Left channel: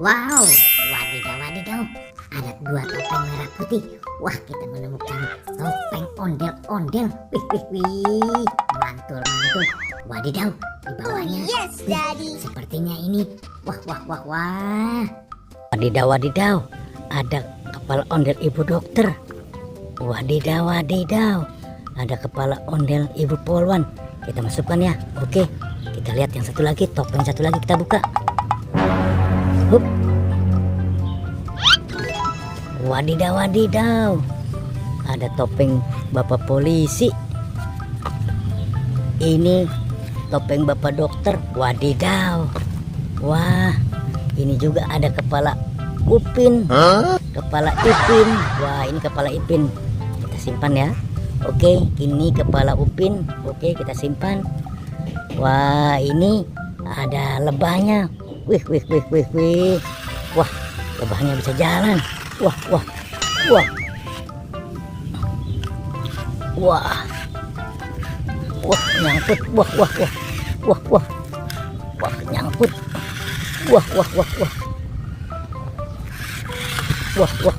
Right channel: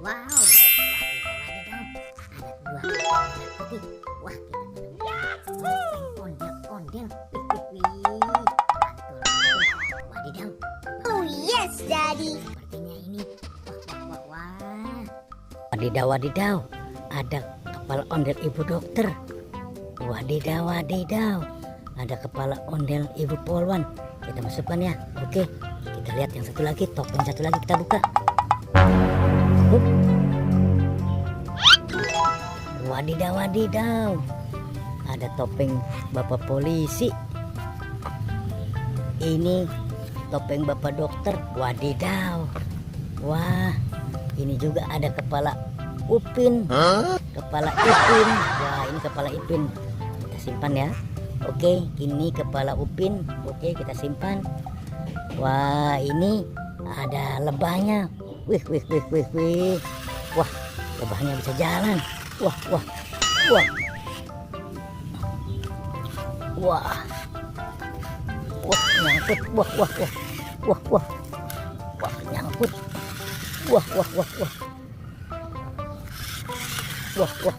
Wow, wadidaw wadidaw, ada dua topeng merah putih. Wah, kita menemukan topeng ondel-ondel. Wih wih wih, mantul mantul. Wadidaw, di bawahnya. Oh yes, Daddy. Sepertinya ini. Wah wah wah wah. Wadidaw wadidaw, ada kepala ondel ibu dokter. Wadidaw wadidaw, ada kepala ondel ibu polwan. Kita masukkan ya. Oke, kita lihat yang satu lagi, topeng satu lagi kita buka. Hup. Wadidaw wadidaw, ada topeng bapak polisi. Ini topeng bapak dokter. Wadidaw. Wah, ini juga ada kepala Upin, kepala Ipin. Wah, ini kepala Ipin. Kita simpan ya. Oke, ini kepala Upin. Oke, kita simpan. Wah, ini ada lebahnya. Wih, wih, wih, wih, wih. Wah, lebahnya bisa jalan. Wah, wah, wah. Wah. Wah, nyangkut. Wah, wah, wah. Wah, wah. Wah, nyangkut. Wah, wah, wah, wah. Wah, wah.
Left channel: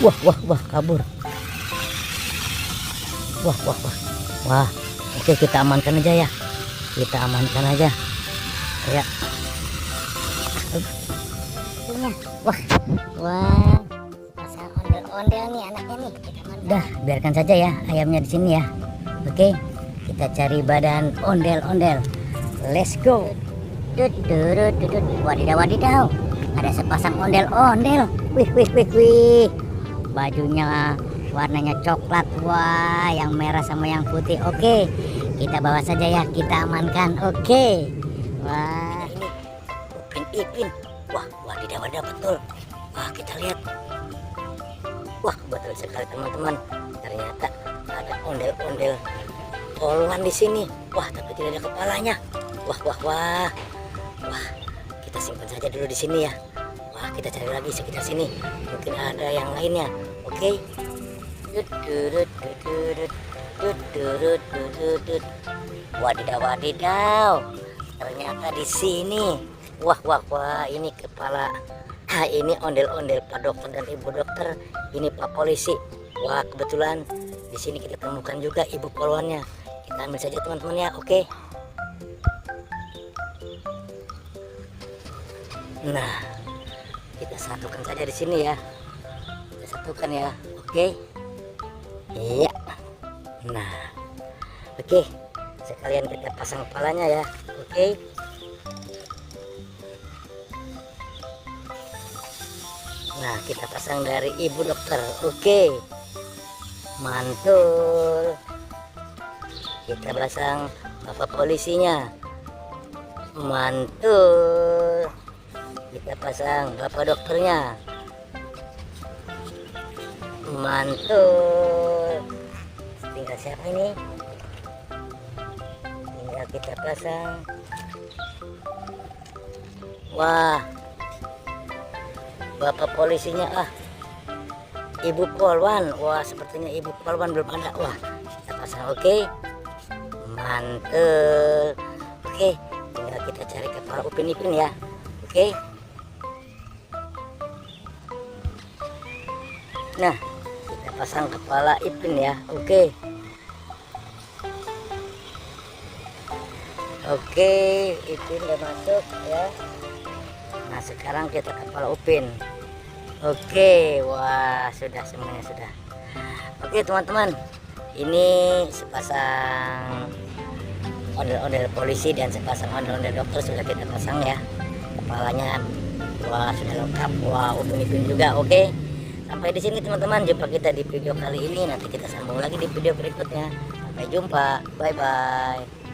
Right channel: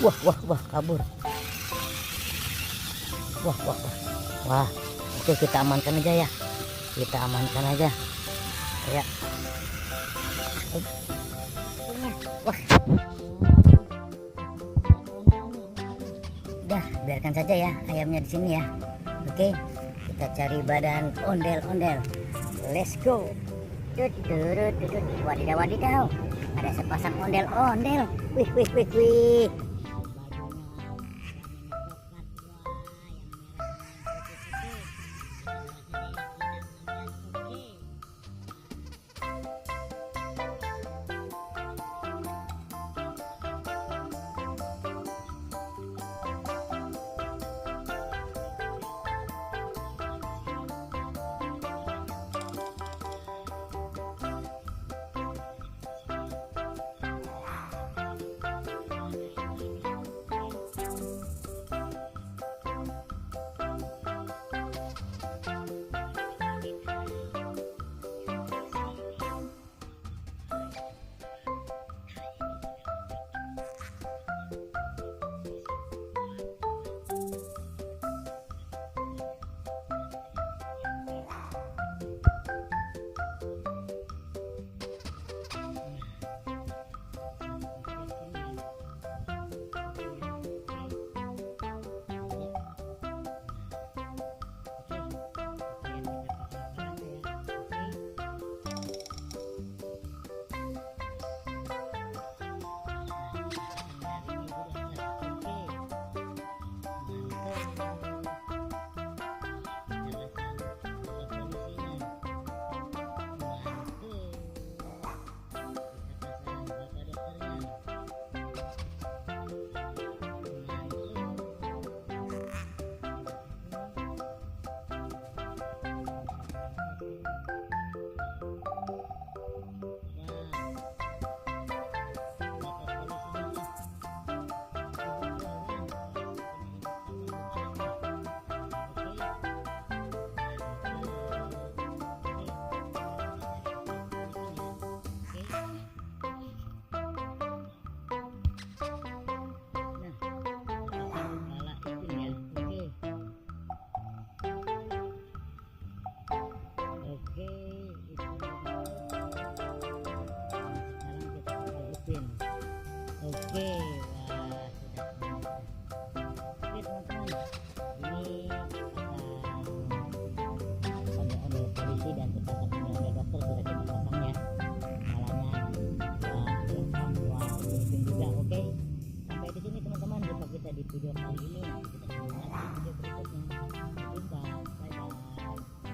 Wah, wah, wah, kabur. Wah, wah, wah. Wah, oke, kita amankan aja ya. Kita amankan aja. Ya. Iya. Wah wah. Masa ondel-ondel nih anaknya nih. Udah, biarkan saja ya ayamnya di sini ya. Oke, kita cari badan ondel-ondel. Let's go. Wadidaw wadidaw, ada sepasang ondel-ondel. Wih wih wih wih. Bajunya warnanya coklat. Wah, yang merah sama yang putih. Oke, kita bawa saja ya, kita amankan. Oke. Wah, Ipin. Wah, wadidaw wadidaw, betul. Wah, kita lihat. Wah, betul sekali teman-teman. Ternyata ada ondel-ondel polwan di sini. Wah, tapi tidak ada kepalanya. Wah, wah, wah. Wah, kita simpan saja dulu di sini ya. Wah, kita cari lagi sekitar sini. Mungkin ada yang lainnya. Oke. Wadidaw wadidaw. Ternyata di sini. Wah, wah, wah. Ini kepala. Ini ondel-ondel Pak Dokter dan Ibu Dokter. Ini Pak Polisi. Wah, kebetulan di sini kita temukan juga ibu polwannya. Kita ambil saja teman-teman ya. Oke. Nah, kita satukan saja di sini ya. Kita satukan ya. Oke. Iya. Nah, oke. Sekalian kita pasang kepalanya ya. Oke. Nah, kita pasang dari ibu dokter. Oke. Mantul. Kita pasang bapak polisinya. Mantul. Kita pasang bapak dokternya. Mantul. Tinggal siapa ini? Tinggal kita pasang. Wah, bapak polisinya ibu polwan. Wah, sepertinya ibu polwan belum ada. Wah, kita pasang. Oke. Mantul. Oke, tinggal kita cari kepala Upin-Ipin ya. Oke. Nah, kita pasang kepala Ipin ya. Oke. Oke, Ipin udah masuk ya. Nah, sekarang kita kepala Upin. Oke, wah, sudah semuanya sudah. Oke, teman-teman. Ini sepasang ondel-ondel polisi dan sepasang ondel-ondel dokter sudah kita pasang ya. Kepalanya wah, sudah lengkap. Wah, Upin-Ipin juga. Oke. Sampai di sini teman-teman, jumpa kita di video kali ini. Nanti kita sambung lagi di video berikutnya. Sampai jumpa. Bye bye.